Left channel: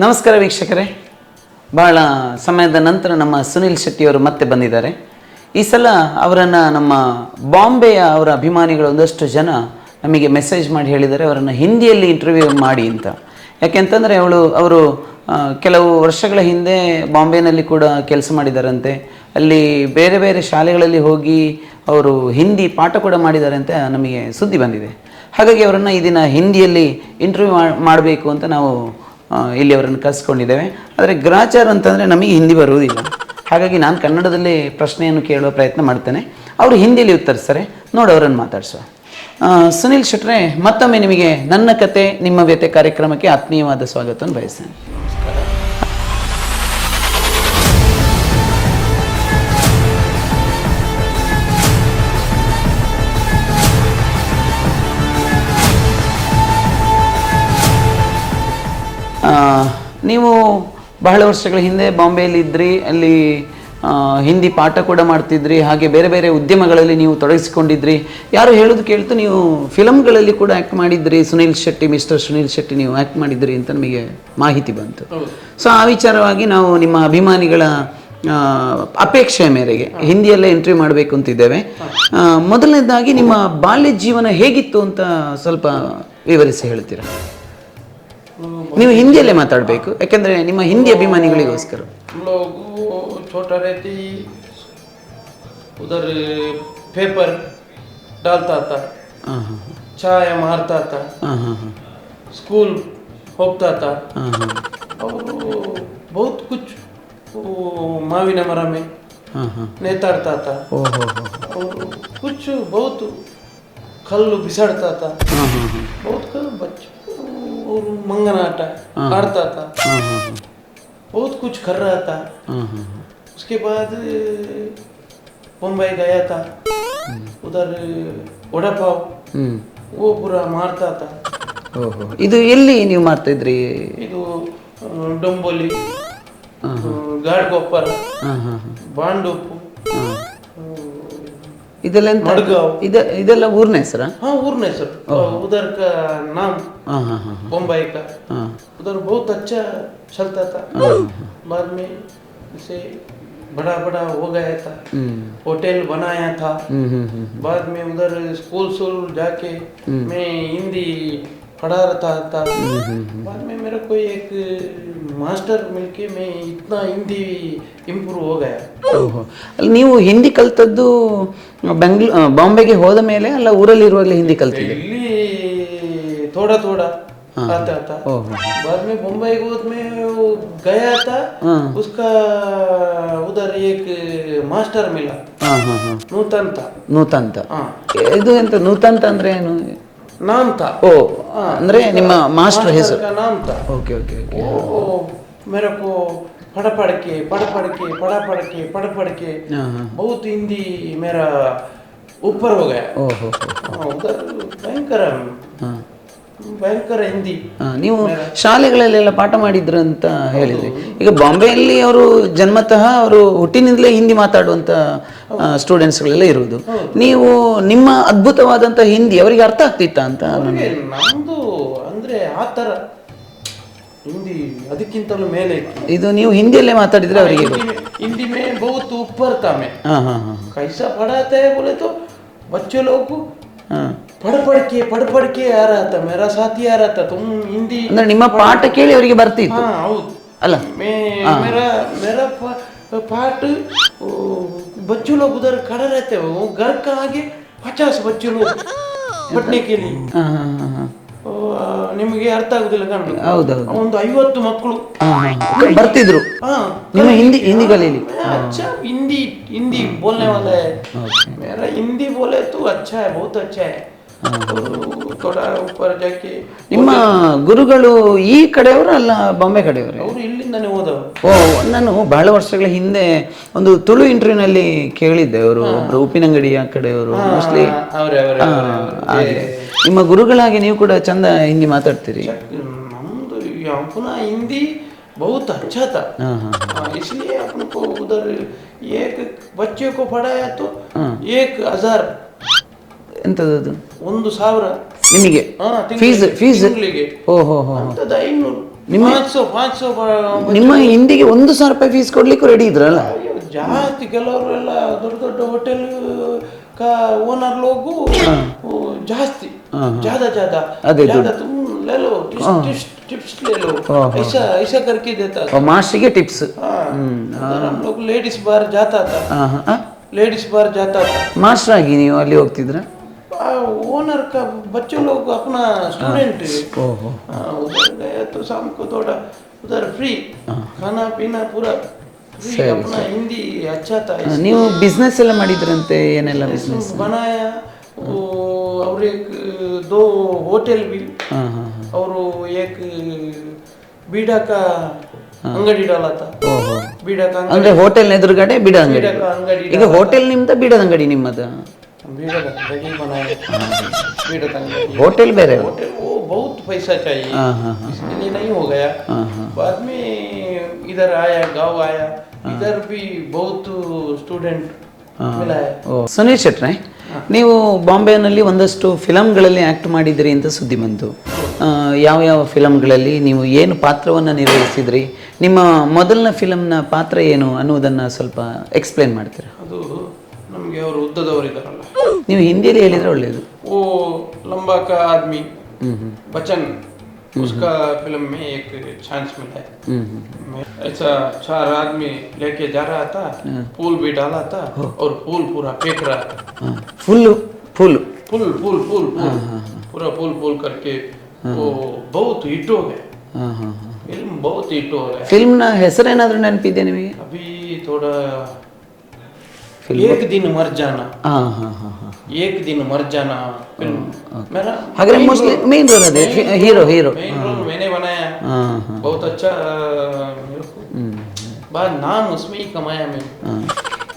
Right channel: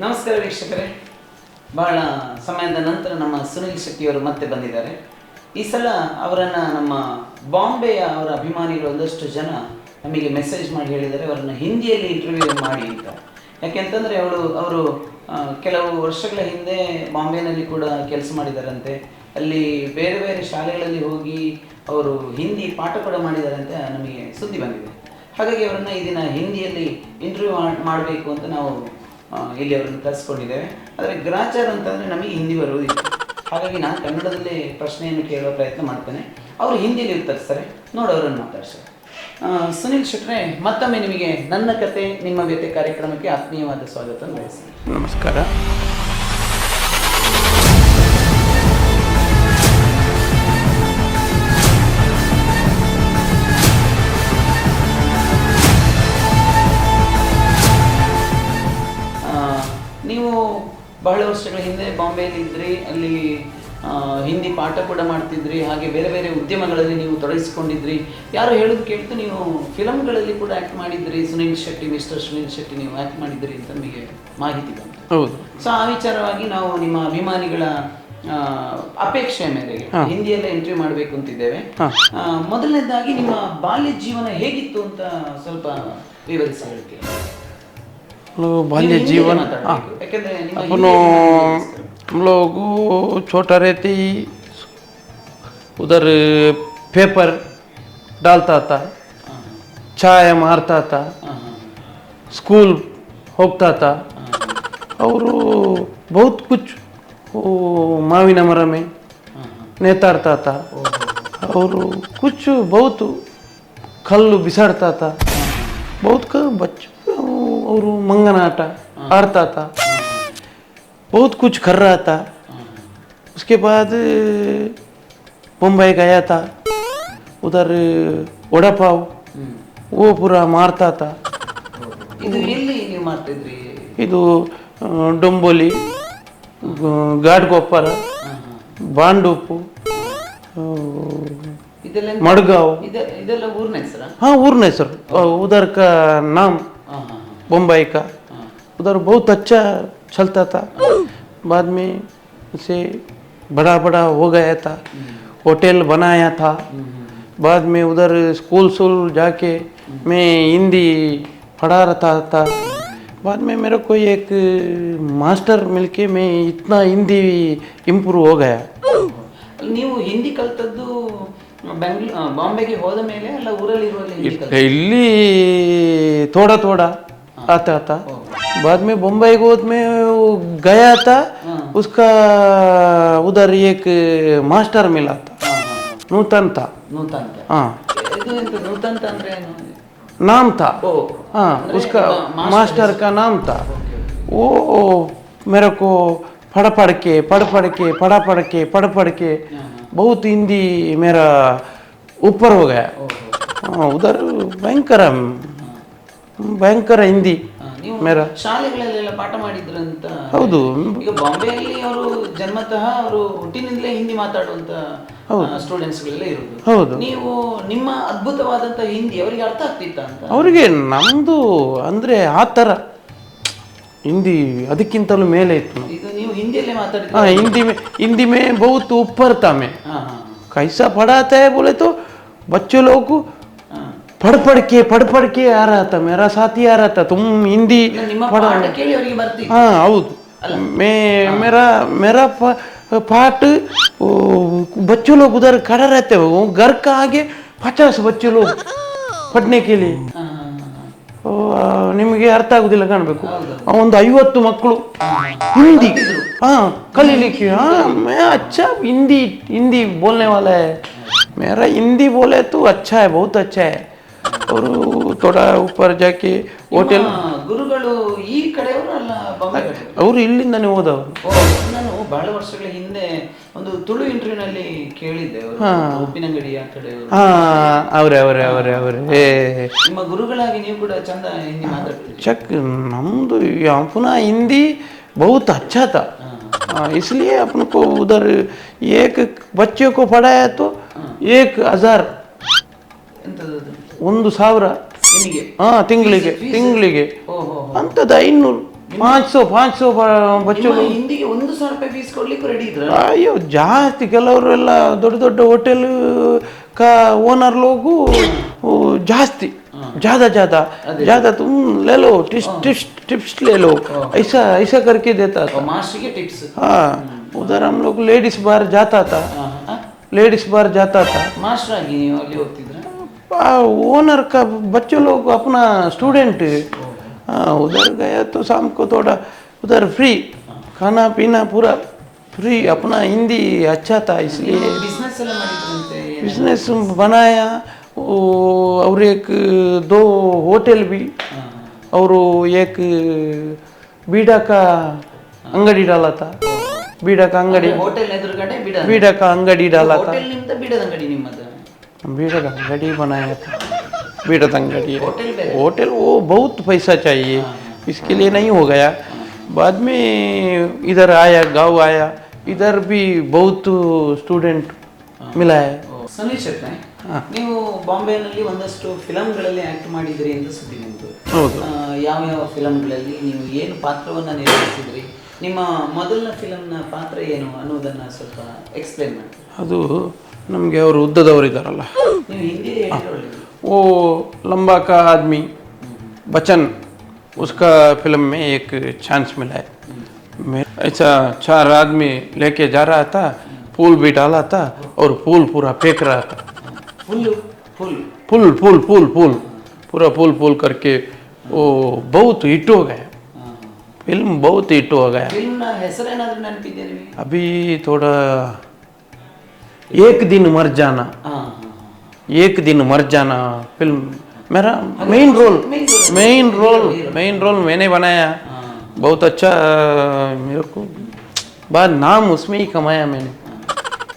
ನಮಸ್ಕಾರ ವೀಕ್ಷಕರೇ. ಬಹಳ ಸಮಯದ ನಂತರ ನಮ್ಮ ಸುನಿಲ್ ಶೆಟ್ಟಿಯವರು ಮತ್ತೆ ಬಂದಿದ್ದಾರೆ. ಈ ಸಲ ಅವರನ್ನು ನಮ್ಮ ಬಾಂಬೆಯ ಅವರ ಅಭಿಮಾನಿಗಳು ಒಂದಷ್ಟು ಜನ ನಮಗೆ ಮೆಸೇಜ್ ಮಾಡಿ ಹೇಳಿದ್ದಾರೆ, ಅವರನ್ನು ಹಿಂದಿಯಲ್ಲಿ ಇಂಟರ್ವ್ಯೂ ಮಾಡಿ ಅಂತ. ಯಾಕೆಂತಂದರೆ ಅವಳು, ಅವರು ಕೆಲವು ವರ್ಷಗಳ ಹಿಂದೆ ಬಾಂಬೆನಲ್ಲಿ ಕೂಡ ಕೆಲಸ ಮಾಡಿದ್ದಾರಂತೆ ಅಲ್ಲಿ ಬೇರೆ ಬೇರೆ ಶಾಲೆಗಳಲ್ಲಿ ಹೋಗಿ ಅವರು ಹಿಂದಿ ಪಾಠ ಕೂಡ ಮಾಡಿದ್ದಾರೆ ಅಂತ ನಮಗೆ ಸುದ್ದಿ ಬಂದಿದೆ. ಹಾಗಾಗಿ ಅವರನ್ನು ಈ ದಿನ ಹಿಂದಿಯಲ್ಲಿ ಇಂಟರ್ವ್ಯೂ ಮಾಡಬೇಕು ಅಂತ ನಾವು ಇಲ್ಲಿ ಅವರನ್ನು ಕರೆಸ್ಕೊಂಡಿದ್ದೇವೆ. ಆದರೆ ಗ್ರಾಚಾರ ಅಂತಂದರೆ ನಮಗೆ ಹಿಂದಿ ಬರುವುದಿಲ್ಲ. ಹಾಗಾಗಿ ನಾನು ಕನ್ನಡದಲ್ಲಿ ಪ್ರಶ್ನೆಯನ್ನು ಕೇಳುವ ಪ್ರಯತ್ನ ಮಾಡ್ತೇನೆ. ಅವರು ಹಿಂದಿಯಲ್ಲಿ ಉತ್ತರಿಸ್ತಾರೆ. ನೋಡಿ, ಅವರನ್ನು ಮಾತಾಡಿಸುವ ಸುನಿಲ್ ಶೆಟ್ರೆ, ಮತ್ತೊಮ್ಮೆ ನಿಮಗೆ ನನ್ನ ಕತೆ, ನಿಮ್ಮ ವ್ಯತೆ ಕಾರ್ಯಕ್ರಮಕ್ಕೆ ಆತ್ಮೀಯವಾದ ಸ್ವಾಗತವನ್ನು ಬಯಸ್ತೇನೆ. ನಮಸ್ಕಾರ. ನೀವು ಬಹಳ ವರ್ಷಗಳ ಹಿಂದೆ ಬಾಂಬೆಯಲ್ಲಿ ಇದ್ರಿ ಅಲ್ಲಿ ಹಿಂದಿ ಪಾಠ ಕೂಡ ಮಾಡ್ತಿದ್ರಿ ಹಾಗೆ ಬೇರೆ ಬೇರೆ ಉದ್ಯಮಗಳಲ್ಲಿ ನೀವು ತೊಡಗಿಸಿಕೊಂಡಿದ್ರಿ. ಯಾರು ಹೇಳೋದು ಕೇಳ್ತು ನೀವು ಫಿಲಮ್ಗಳಲ್ಲಿ ಕೂಡ ಆ್ಯಕ್ಟ್ ಮಾಡಿದ್ರಿ ಸುನೀಲ್ ಶೆಟ್ಟಿ ಮಿಸ್ಟರ್ ಸುನೀಲ್ ಶೆಟ್ಟಿ ನೀವು ಆ್ಯಕ್ಟ್ ಮಾಡಿದ್ರಿ ಅಂತ ನಮಗೆ ಮಾಹಿತಿ ಬಂತು. ಸೊ ಆ ವಿಚಾರವಾಗಿ ನಾವು ನಿಮ್ಮ ಅಭಿಮಾನಿಗಳ ಅಪೇಕ್ಷೆಯ ಮೇರೆಗೆ ಹಿಂದಿಯಲ್ಲೇ ಎಂಟ್ರಿ ಮಾಡಬೇಕು ಅಂತಿದ್ದೇವೆ. ಮೊದಲನೇದಾಗಿ ನಿಮ್ಮ ಬಾಲ್ಯ ಜೀವನ ಹೇಗಿತ್ತು ಅಂತ ಸ್ವಲ್ಪ ವಿವರಿಸಿ ಹೇಳ್ತೀರಾ? ನೀವು ಹಿಂದಿಯಲ್ಲೇ ಮಾತಾಡಬೇಕು. ಯಾಕಂದ್ರೆ ನಿಮ್ಮ ಹಿಂದಿ ಅಭಿಮಾನಿಗಳಿಗೋಸ್ಕರ. हम लोग को छोटा रहते ही उधर पेपर ಸ್ಕೂಲ್ ಹೋಗ್ತಾತ. था ಅವರು ಬಹುತ್ ಕುಚ್ वो ಮಾವಿನ ಮರಮೆ ಮೇ ಹಾಂ. ಹಾಂ ನೇತಾಡ್ತಾ था ಅವರು ಕುಚ್ ಬಹುತ್ ಕಲ್ಲು ಬಿಸಾಡ್ತಾತ. था ಬಹುತ್ ಬಚ್ಚು ಅವರು ಮಂಗನ ಆಟ हारता था बहुत कुछ कर रहा था उसके बाद मुंबई गया था उधर वड़ा पाव वो पूरा मारता था ಇದು ಎಲ್ಲಿ ನೀವು ಮಾಡ್ತಾ ಇದ್ರಿ ಇದು ಆ, डोंबोली ಗಾಡ್ ಗೊಪ್ಪರ ಬಾಂಡೂಪು ಆ, ಇದೆಲ್ಲ ಎಂತ- ಮಡ್ಗಾಂವ್ ಇದ ಇದೆಲ್ಲ ಊರಿನ ಹೆಸರಾ हाँ ऊर्न है सर उधर का नाम ಹಾಂ ಹಾಂ ಹಾಂ मुंबई का ಹಾಂ उधर बहुत अच्छा चलता था बाद में उसे बड़ा बड़ा हो गया था होटल बनाया था ಹ್ಞೂ ಹ್ಞೂ ಹ್ಞೂ बाद में उधर स्कूल स्कूल जाके मैं हिंदी पढ़ा रहा था बाद में मेरे को एक मास्टर मिलके मैं इतना हिंदी इम्प्रूव हो गया ಓಹೋ. ಅಲ್ಲಿ ನೀವು ಹಿಂದಿ ಕಲ್ತದ್ದು ಬೆಂಗ್ಳೂ ಆ, ಬಾಂಬೆಗೆ ಹೋದ ಮೇಲೆ ಅಲ್ಲ ಊರಲ್ಲಿ ಇರುವಾಗಲೇ ಹಿಂದಿ ಕಲ್ತ दिल्ली थोड़ा थोड़ा आता था बाद में बम्बई गोद में वो गया था उसका उधर एक मास्टर मिला था ಹಾಂ हां ಹಾಂ नूतन था ನೂತಂತ हाँ ಇದು ಎಂತ ನೂತಂತ ಅಂದ್ರೆ ಏನು नाम था ಓ ಅಂದ್ರೆ ನಿಮ್ಮ ಮಾಸ್ಟರ್ मास्टर ಹೆಸರು का नाम था ಓಕೆ ಓಕೆ वो मेरे को पढ़ पढ़ के पढ़ पढ़ के पढ़ पढ़ के पढ़ पढ़ के हाँ, हाँ। बहुत हिंदी मेरा ऊपर हो गया ಓಹೋ हाँ, उधर भयंकर ಹಾಂ भयंकर हिंदी ನೀವು ಮೇರಾ- ಶಾಲೆಗಳಲ್ಲೆಲ್ಲ ಪಾಠ ಮಾಡಿದ್ರು ಅಂತ ಹೇಳಿದ್ರಿ. ಈಗ ಬಾಂಬೆಯಲ್ಲಿ ಅವರು ಜನ್ಮತಃ ಅವರು ಹುಟ್ಟಿನಿಂದಲೇ ಹಿಂದಿ ಮಾತಾಡುವಂತ ಸ್ಟೂಡೆಂಟ್ಸ್ಗಳೆಲ್ಲ ಇರುವುದು ನೀವು ನಿಮ್ಮ ಅದ್ಭುತವಾದಂತ ಹಿಂದಿ ಅವರಿಗೆ ಅರ್ಥ ಆಗ್ತಿತ್ತ ಅಂತ ಅವರಿಗೆ ನಮ್ದು ಅಂದ್ರೆ ಆ ಥರ ಹಿಂದಿ ಅದಕ್ಕಿಂತಲೂ ಮೇಲೆ ಇತ್ತು. ಇದು ನೀವು ಹಿಂದಿಯಲ್ಲೇ ಮಾತಾಡಿದ್ರೆ ಹಿಂದಿ ಮೇ ಹಿಂದಿ ಮೇ ಬಹುತ್ ಉಪ್ಪರ್ತಾ ಮೇ ಕೈಸ ಪಡಾತ ಬೋಲೆ ತೋ ಲೋಕು. ಪಡಪಡಿಕೆ ಪಡಪಡಿಕೆ ಯಾರಾತ ಮೇರಾ ಸಾಥಿ ಯಾರಾತ ತುಮ್ ಹಿಂದಿ ನಿಮ್ಮ ಪಾಠ ಕೇಳಿ ಅವರಿಗೆ ಬರ್ತೀವಿ ಹಾ ಹೌದು. ಅಲ್ಲ. ಮೇ ಮೇರಾ ಮೇರಾ ಪಾಠ ಬಚ್ಚು ಲೋಕ ಉದರ್ ಕಡ ಗರ್ಕ ಹಾಗೆ ಪಚಾಸ್ ಬಚ್ಚು ಲೋಕ. ಪಟ್ನೆ ಕೇಳಿ. ಹಾ. ನಿಮಗೆ ಅರ್ಥ ಆಗುದಿಲ್ಲ ಕಾಣಬೇಕು. ಒಂದು ಐವತ್ತು ಮಕ್ಕಳು ಬರ್ತಿದ್ರು. ಹಿಂದಿ ಹಿಂದಿ ಬೋಲ್ನೆ ವಾಲೆ ಮೇರಾ ಹಿಂದಿ ಬೋಲೆ ತು ಅಚ್ಚಾ ಬಹುತ್ ಅಚ್ಚಾ. बोले तो अच्छा है बहुत अच्छा है और थोड़ा ऊपर जाके ನಿಮ್ಮ ಗುರುಗಳು ಈ ಕಡೆಯವರು ಅಲ್ಲ ಬಾಂಬೆ ಕಡೆಯವರು ಅವರು ಇಲ್ಲಿಂದನೇ ಹೋದವರು ಓ ನಾನು ಬಹಳ ವರ್ಷಗಳ ಹಿಂದೆ ಒಂದು ತುಳು ಇಂಟರ್ವ್ಯೂನಲ್ಲಿ ಕೇಳಿದ್ದೆ ಅವರು ಒಬ್ರು ಉಪ್ಪಿನಂಗಡಿಯ ಕಡೆಯವರು mostly ಅವರೇ ಅವರೇ ಅವರೇ ಅವರೇ ನಿಮ್ಮ ಗುರುಗಳಾಗಿ ನೀವು ಕೂಡ ಚಂದ ಹಿಂದಿ ಮಾತಾಡ್ತೀರಿ चक नम्दु अपना हिंदी बहुत अच्छा था हाँ, इसलिए अपन को उधर एक बच्चे को पढ़ाया तो एक हजार ಎಂತದದು ಒಂದು ಸಾವಿರ ನಿಮಗೆ ಹಾ ತಿಂಗಳಿಗೆ fees- ತಿಂಗಳಿಗೆ ಓಹೋ ಹೋ ಅಂತದ ಐನೂರು पाँच सौ पाँच सौ ನಿಮ್ಮ ಹಿಂದಿಗೆ ಒಂದು ಸಾವಿರ ರೂಪಾಯಿ ಫೀಸ್ ಕೊಡ್ಲಿಕ್ಕೂ ರೆಡಿ ಇದ್ರಲ್ಲ ಅಯ್ಯೋ ಜಾಸ್ತಿ ಕೆಲವರೆಲ್ಲ ದೊಡ್ಡ ದೊಡ್ಡ ಹೋಟೆಲ್ का ओनर लोग वो जास्ती ज्यादा ज्यादा ज्यादा तुम ले लो टिप्स टिप्स टिप्स ले लो ऐसा ऐसा करके देता था ಮಾಸ್ಟ್ರಿಗೆ ಟಿಪ್ಸ್ हाँ उधर हम लोग लेडीज बार जाता था लेडीज बार जाता था ಮಾಸ್ಟರ್ ಆಗಿ ನೀವು ಅಲ್ಲಿ ಹೋಗ್ತಿದ್ರ ओनर का बच्चों लोग अपना स्टूडेंट हाँ उधर गया तो शाम को थोड़ा उधर फ्री खाना पीना पूरा फ्री अपना हिंदी अच्छा था इसलिए ನೀವು ಬಿಸ್ನೆಸ್ ಎಲ್ಲ ಮಾಡಿದ್ರಂತೆ ಏನೆಲ್ಲ बिजनेस बनाया वो और एक दो होटल भी और एक बीड़ा का अंगड़ी डाला था बीड़ा का अंगड़ी ಅಂದ್ರೆ ಹೋಟೆಲ್ ಎದುರುಗಡೆ ಬಿಡ बीड़ा का अंगड़ी डाला ಹೋಟೆಲ್ ನಿಮ್ದ ಬಿಡದ ಅಂಗಡಿ ನಿಮ್ಮದ बीड़ा का अंगड़ी बनाया बीड़ा का अंगड़ी ಹೋಟೆಲ್ ಬೇರೆ होटल वो बहुत पैसा चाहिए इसके लिए नहीं हो गया बाद में इधर आया गांव आया इधर भी बहुत स्टूडेंट मिला है ಓ, ಸುನೀಲ್ ಶೆಟ್ರೆ ನೀವು ಬಾಂಬೆನಲ್ಲಿ ಒಂದಷ್ಟು ಫಿಲಮ್ಗಳಲ್ಲಿ ಆಕ್ಟ್ ಮಾಡಿದಿರಿ ಅಂತ ಸುದ್ದಿ ಬಂತು ಆ, ಯಾವ ಯಾವ ಫಿಲಮ್ಗಳಲ್ಲಿ ನೀವು ಏನು ಪಾತ್ರವನ್ನ ನಿರ್ವಹಿಸಿದ್ರಿ ನಿಮ್ಮ ಮೊದಲನ ಫಿಲಮ್ನ ಪಾತ್ರ ಏನು ಅನ್ನುವುದನ್ನ ಸ್ವಲ್ಪ ಎಕ್ಸ್ಪ್ಲೇನ್ ಮಾಡ್ತೀರಾ ಅದು ನಮಗೆ ಅವರು ಉದ್ದದವರಿದ್ದಾರಲ್ಲ ನೀವು ಹಿಂದಿಯಲ್ಲಿ ಹೇಳಿದ್ರೆ ಒಳ್ಳೆಯದು वो लंबा का आदमी बचन उसका फिल्म में एक चांस मिला है मैं ऐसा चार आदमी लेके जा रहा था पुल भी डाला था और पुल पूरा फेंक रहा था ಫುಲ್ಲು ಫುಲ್ पुल पुल पुल पुल पूरा पुल पुल करके वो बहुत हिट हो गया फिल्म बहुत हिट हो गया ಫಿಲ್ಮ್ನ ಹೆಸರೇನಾದ್ರೂ ನೆನಪಿದೆ ನಿಮಗೆ अभी थोड़ा एक दिन मर जाना ಹಾಂ ಹಾಂ ಹಾಂ ಹಾಂ एक दिन मर जाना फिल्म मेरा हागरे main mostly role main role है, main hero, role hero. Main role मैंने बनाया ಹಾಂ बहुत अच्छा मेरे को बाद नाम उसमें ही कमाया मैंने ಹಾಂ.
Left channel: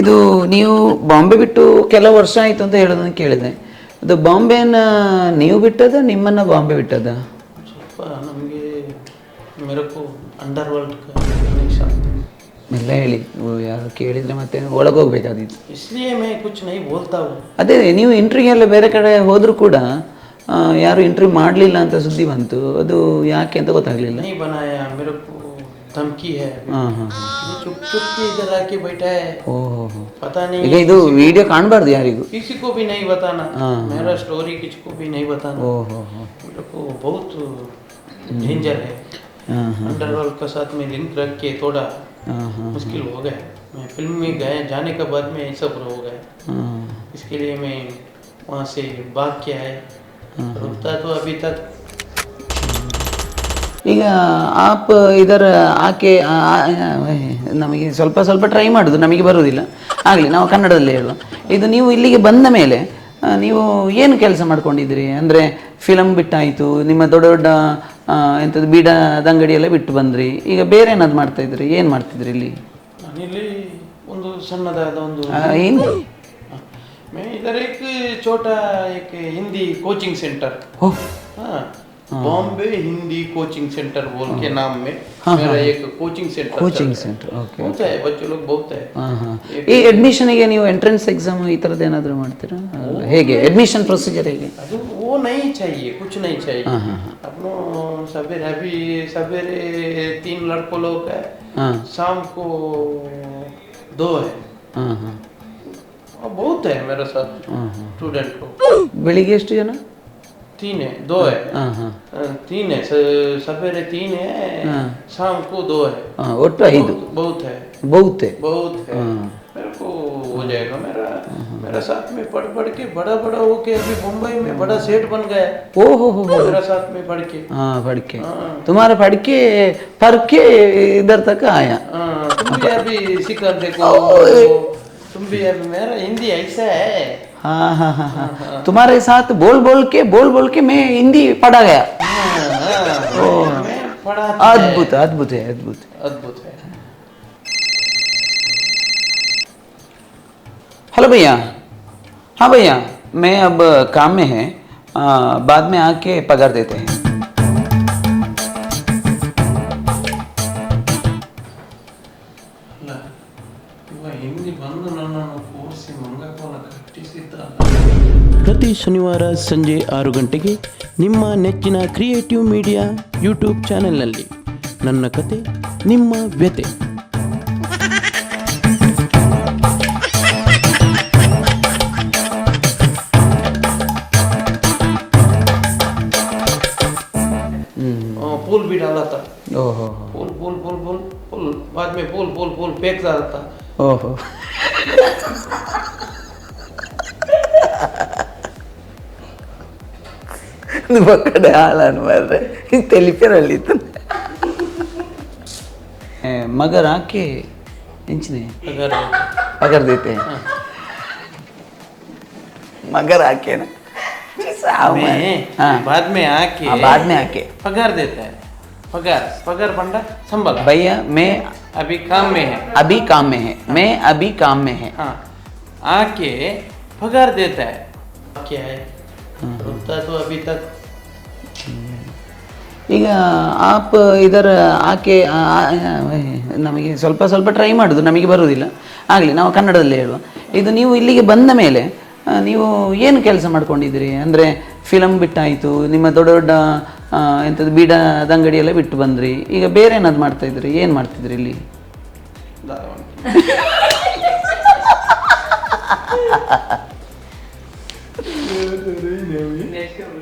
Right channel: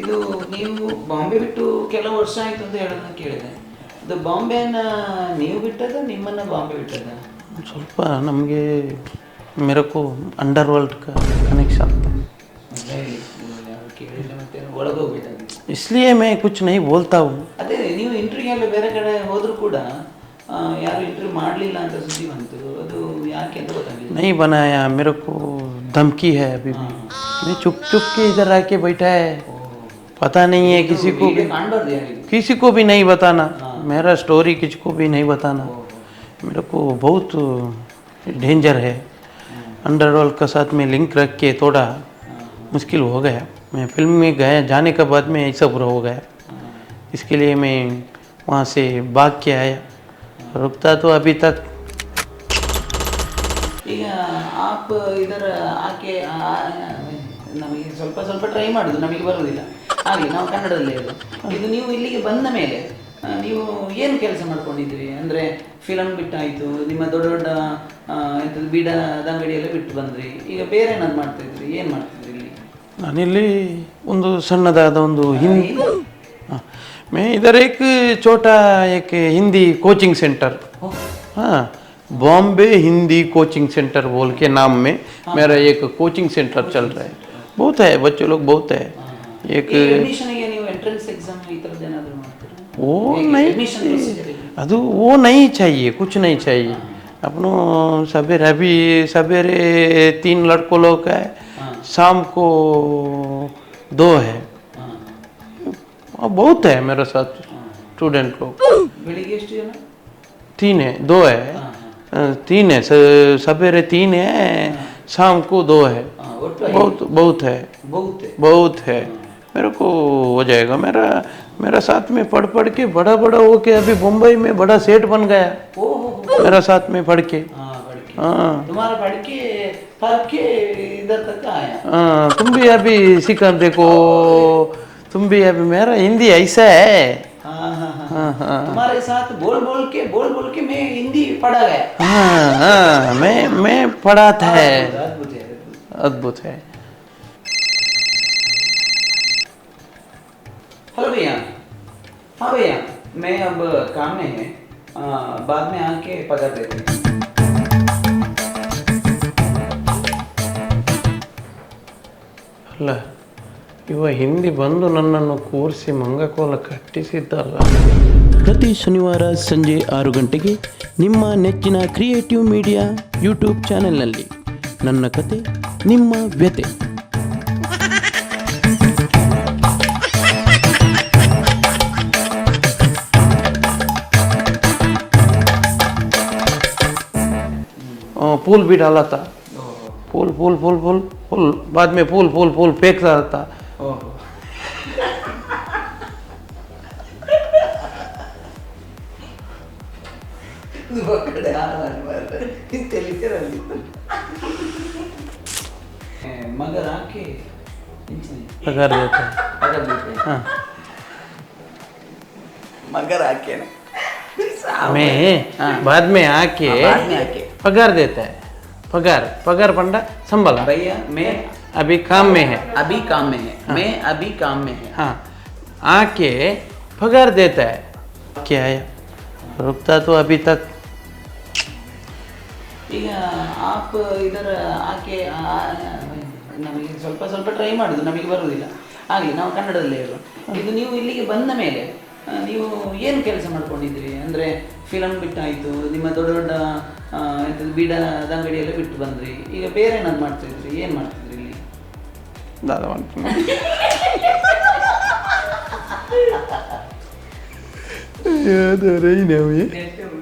ಇದು ನೀವು ಬಾಂಬೆ ಬಿಟ್ಟು ಕೆಲವು ವರ್ಷ ಆಯ್ತು ಅಂತ ಹೇಳೋದನ್ನ ಕೇಳಿದೆ ಅದು ಬಾಂಬೆನ ನೀವು ಬಿಟ್ಟದ ನಿಮ್ಮನ್ನ ಬಾಂಬೆ ಬಿಟ್ಟದ ಸ್ವಲ್ಪ ನಮಗೆ मेरे को अंडरवर्ल्ड का कनेक्शन ಎಲ್ಲ ಹೇಳಿ ಓ, ಯಾರು ಕೇಳಿದ್ರೆ ಮತ್ತೆ ಒಳಗೋಗ್ಬೇಕಾದಿತ್ತು इसलिए मैं कुछ नहीं बोलता हूँ ಅದೇ ನೀವು ಇಂಟ್ರಿಗೆ ಎಲ್ಲ ಬೇರೆ ಕಡೆ ಹೋದ್ರು ಕೂಡ ಆ, ಯಾರು ಇಂಟರ್ವ್ಯೂ ಮಾಡಲಿಲ್ಲ ಅಂತ ಸುದ್ದಿ ಬಂತು ಅದು ಯಾಕೆ ಅಂತ ಗೊತ್ತಾಗ್ಲಿಲ್ಲ नहीं बनाया मेरे को धमकी है अभी ಹಾಂ ಹಾಂ ये चुप चुप के इधर आके बैठा है ಓಹೋ पता नहीं ಈಗ है ಇದು ವಿಡಿಯೋ ಕಾಣಬಾರ್ದು ಯಾರಿಗೂ किसी को भी नहीं बताना मेरा स्टोरी किसी को भी नहीं बताना ಓಹೋ मेरे को बहुत डेंजर है अंडरवर्ल्ड का साथ में लिंक रख के थोड़ा मुश्किल हो गया मैं फिल्म में गया जाने के बाद में ऐसा बुरा हो गया इसके लिए मैं वहाँ से भाग के आया रुकता तो अभी तक ಈಗ ಆಪ್ ಇದರ ಆಕೆ ಆ- ಆ- ನಮಗೆ ಸ್ವಲ್ಪ ಸ್ವಲ್ಪ ಟ್ರೈ ಮಾಡೋದು ನಮಗೆ ಬರುವುದಿಲ್ಲ ಆಗಲಿ ನಾವು ಕನ್ನಡದಲ್ಲೇ ಹೇಳುವ ಇದು ನೀವು ಇಲ್ಲಿಗೆ ಬಂದ ಮೇಲೆ ಆ, ನೀವು ಏನು ಕೆಲಸ ಮಾಡ್ಕೊಂಡಿದ್ರಿ ಅಂದರೆ ಫಿಲಮ್ ಬಿಟ್ಟಾಯಿತು ನಿಮ್ಮ ದೊಡ್ಡ ದೊಡ್ಡ ಆ, ಎಂಥದ್ದು ಬೀಡದ ಅಂಗಡಿ ಎಲ್ಲ ಬಿಟ್ಟು ಬಂದ್ರಿ ಈಗ ಬೇರೆ ಏನಾದ್ರು ಮಾಡ್ತಾ ಇದ್ರಿ ಏನು ಮಾಡ್ತಿದ್ರಿ ಇಲ್ಲಿ ನಾನಿಲ್ಲಿ ಒಂದು ಸಣ್ಣದಾದ ಒಂದು ಆ, ಏನು हाँ, मैं इधर एक छोटा एक हिंदी कोचिंग सेंटर ओह हाँ बॉम्बे हिंदी कोचिंग सेंटर बोल के नाम में मेरा एक कोचिंग सेंटर चल रहा है बहुत है बच्चे लोग बहुत है ಹಾಂ ಹಾಂ एक ಈ ಅಡ್ಮಿಷನ್ಗೆ ನೀವು ಎಂಟ್ರೆನ್ಸ್ ಎಕ್ಸಾಮ್ ಈ ಥರದ್ದು ಏನಾದರೂ ಮಾಡ್ತೀರಾ ಹೇಗೆ ಅಡ್ಮಿಷನ್ ಪ್ರೊಸೀಜರ್ ಹೇಗೆ ಅದು वो नहीं चाहिए कुछ नहीं चाहिए अपनो सवेरे अभी सवेरे तीन लड़कों लोग है हाँ। शाम को दो है ಹಾಂ ಹಾಂ और बहुत है मेरे साथ स्टूडेंट लोग ಬೆಳಿಗ್ಗೆ ಎಷ್ಟು ಜನ तीन है दो है ಹಾಂ ಹಾಂ अ, तीन है स- सवेरे तीन है शाम को दो है ಹಾಂ ಒಟ್ಟು ಐದು बहुत बहुत है ಬಹುತೆ बहुत है मेरे को हो जाएगा। मेरा मेरा साथ में पढ़ पढ़ के बड़ा बड़ा हो के अभी मुंबई में बड़ा सेठ बन गया। ओ हो हो मेरा साथ में पढ़ के। हाँ पढ़ के। हाँ। तुम्हारा पढ़ के पढ़ के इधर तक आया। हाँ, तुम भी अभी सीखा देखो। तुम भी अभी मेरा हिंदी ऐसा है। हाँ हाँ हाँ हाँ। तुम्हारे साथ बोल बोल के बोल बोल के मैं हिंदी पढ़ा गया। हाँ, हाँ, मैं मैं पढ़ाता है अद्भुत अद्भुत है अद्भुत। अद्भुत है। हेलो भैया हाँ भैया मैं अब काम में है आ, बाद में आके पगार देते हैं ಅಲ್ಲ ಇವ ಹಿಂದಿ ಬಂದು ನನ್ನನ್ನು ಕೂರಿಸಿ ಮಂಗಕೋಲ ಕಟ್ಟಿಸಿದ್ದಲ್ಲ ಪ್ರತಿ ಶನಿವಾರ ಸಂಜೆ ಆರು ಗಂಟೆಗೆ ನಿಮ್ಮ ನೆಚ್ಚಿನ ಕ್ರಿಯೇಟಿವ್ ಮೀಡಿಯಾ ಯೂಟ್ಯೂಬ್ ಚಾನೆಲ್ನಲ್ಲಿ ನನ್ನ ಕತೆ ನಿಮ್ಮ ವ್ಯತೆ फूल भी डाला था। फूल फूल फूल फूल फूल। बाद में फूल फूल फूल फेंक रहा मगर आके पगड़ देते हैं। हाँ। मगर आके ना। हाँ। मगर आके ना मैं हाँ। बाद में आके हाँ, बाद में आके पगार देता है पगार पगार पंडा संभल भैया मैं अभी काम में है अभी काम में है मैं अभी काम में है हाँ आके पगार देता है क्या है रुकता तो अभी तक ಈಗ ಆಪ್ ಇದರ ಆಕೆ ಆ- ಆ- ನಮಗೆ ಸ್ವಲ್ಪ ಸ್ವಲ್ಪ ಟ್ರೈ ಮಾಡೋದು ನಮಗೆ ಬರುವುದಿಲ್ಲ ಆಗಲಿ ನಾವು ಕನ್ನಡದಲ್ಲೇ ಹೇಳುವ ಇದು ನೀವು ಇಲ್ಲಿಗೆ ಬಂದ ಮೇಲೆ ಆ, ನೀವು ಏನು ಕೆಲಸ ಮಾಡ್ಕೊಂಡಿದ್ದೀರಿ? ಅಂದರೆ ಫಿಲಮ್ ಬಿಟ್ಟಾಯಿತು ನಿಮ್ಮ ದೊಡ್ಡ ದೊಡ್ಡ ಎಂಥದ್ದು ಬೀಡ ಅದಂಗಡಿಯೆಲ್ಲ ಬಿಟ್ಟು ಬಂದ್ರಿ. ಈಗ ಬೇರೆ ಏನಾದ್ರು ಮಾಡ್ತಾಯಿದ್ರಿ ಏನು ಮಾಡ್ತಿದ್ರಿ ಇಲ್ಲಿ? ದಾದ